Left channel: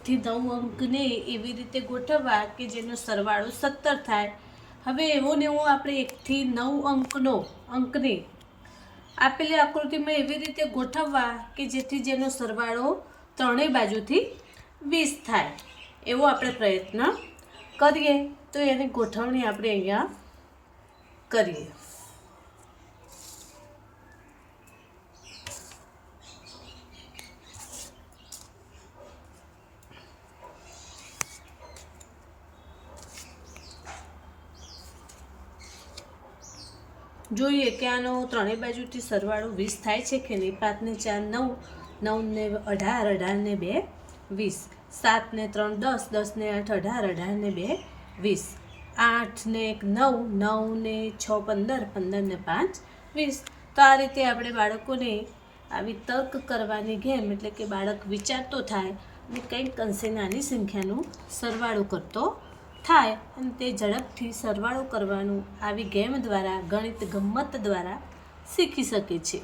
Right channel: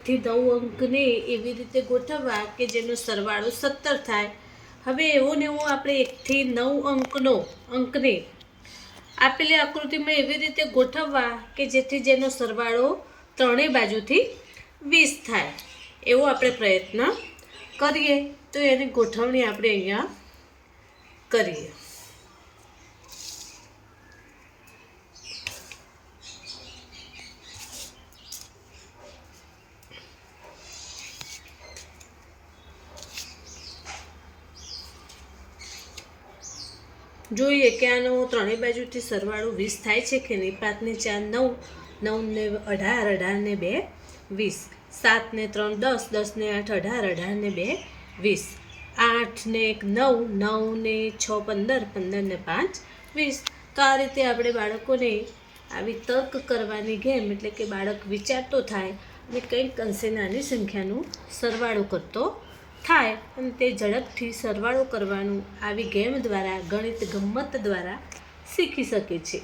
થી 9 અંકને એવી રીતે ગોઠવવા કે જેનો સરવાળો 17 થાય। હવે એવો ને એવો આપણે 1 થી 9 અંકને આપેલી આકૃતિમાં એવી રીતે ગોઠવવા કે જેનો સરવાળો ત્રણેય બાજુથી 20 થાય, એવો આપણે પ્રયત્ન કરીએ। તો એની ગોઠવણી આપણે અહીંયા કરીએ। જોઈએ કે આનો ત્રણેય બાજુથી સરવાળો 20 થાય છે કે નહીં। 5 ને 4 9, 9 ને 18, 18 ને 2 20, 7 ને 3 10, 10 ને 8 18, 18 ને 2 20, 8 ને 1 9, 9 ને 6 15, 15 ને 5 20। તો આ રીતે આપણે બાળકોને આવી તર્ક કરવાની ગેમ, એટલે કે બાળક વિચારતો થાય અને કંઈક અંશે નાની સંખ્યાનું સરવાળો કરતો થાય અને તે ઝડપથી સરવાળો કરવાનું આવી ગેમ દ્વારા, ગણિત ગમ્મત દ્વારા શીખી શકે છે।